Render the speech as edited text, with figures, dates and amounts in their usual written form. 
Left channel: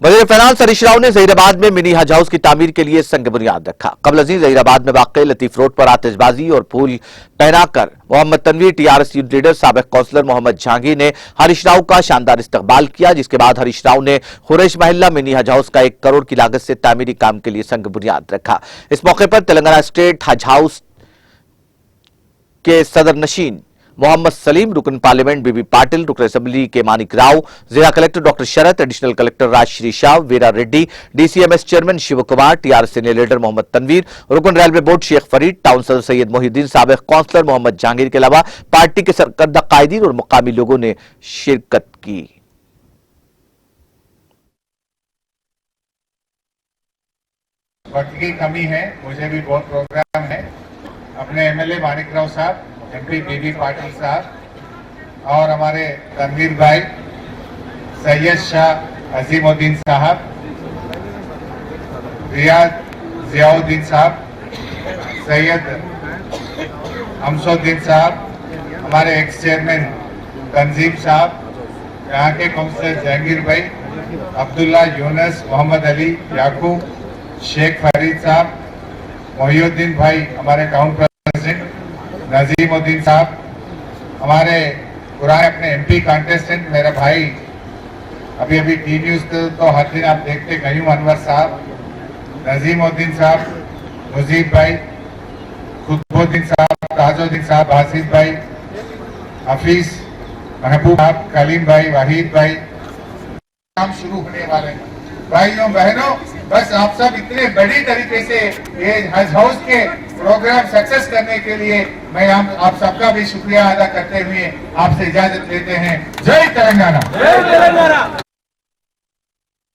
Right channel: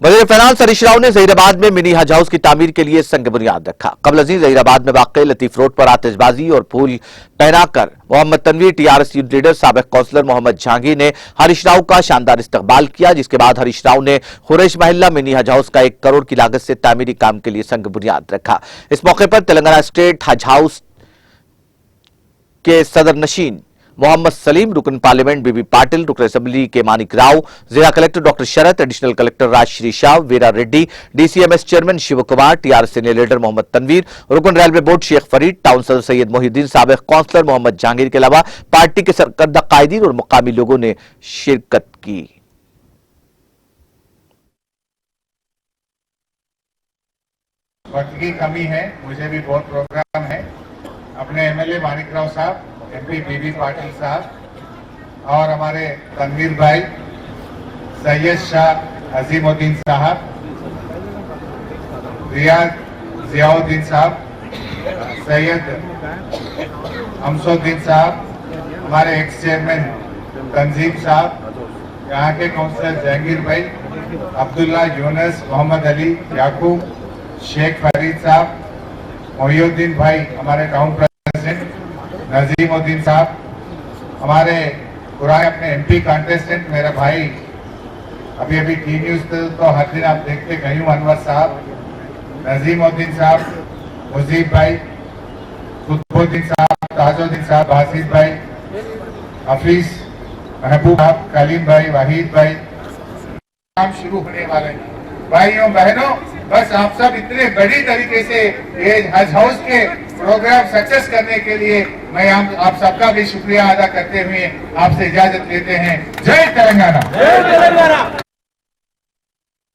वज़ीर फाइनेंस हरीश राव ने जहीराबाद में मिनी हज हाउस की तामीर के लिए संग बुनियाद रखा। कबल अजीज जहीराबाद में वाक़ लतीफ रोड पर आतिशबाजी और फूल पहनाकर मोहम्मद तनवीर टीआरएस यूथ लीडर साबिक कौंसलर मोहम्मद जहांगीर ने हरीश राव का शानदार इस्तकबाल किया, जिसके बाद हरीश राव ने खुरैश महल्ला मिनी हज हाउस का 1 करोड़ की लागत से तामीरी काम के लिए संग बुनियाद रखा। इस मौके पर तेलंगाना स्टेट हज हाउस के सदर नशीन मोहम्मद सलीम, रुकन पार्लियामेंट बीबी पाटिल, रुकन असेंबली के मानिक राव, जिला collector doctor Sharath, additional collector Rajshree Shah, Veera Reddy, DCMS chairman Shiv Kumar, TRS senior leader Mohammad Tanveer, रुकन railway board Sheikh Farid, town सदर सैयद मोहिद्दीन, साबिक कौंसलर मोहम्मद जहांगीर के अलावा पार्टी के सरकर्दा कायदीन और मुकामी लोगों ने शिरकत की। वक्त की कमी है, मुझे भी बहुत प्रोग्राम है। अपने एमएलए मानिक राव साहब, एमपी बीबी पाटिल साहब और हमारे तनवीर भाई, सैयद शाह अजीमुद्दीन साहब, रियाज जियाउद्दीन साहब, सैयद हमसुद्दीन साहब, हमारे एक्स चेयरमैन तंजीम साहब, यहाँ के काउंसलर जहांगीर भाई, अब्दुल्ला यूनस, मोहम्मद अली, याकूब, शेख फरीद साहब, मोहिउद्दीन भाई, हमारे टाउन प्रेसिडेंट नजीमुद्दीन साहब, हमारे पुराने अपने एमपी कंटेस्टेंट मेरा भाई, अभी टी न्यूज पे तो हर दिन आप देखते गयूम अनवर साहब, नजीमुद्दीन साहब, मुजीब भाई, खुतबुद्दीन साहब, ताजुद्दीन साहब, बासित भाई, हफीज, महबूब साहब, कलीम भाई, वाहिद भाई, काम शुरू होने वाले हैं। भाइयों बहनों, बस आप सब इतने बड़ी तरीके से ये हज हाउस के प्रोग्राम सक्सेस करने के लिए मैं आप सबका भी शुक्रिया अदा करते हुए आपसे इजाजत लेते हैं। जय तेलंगाना।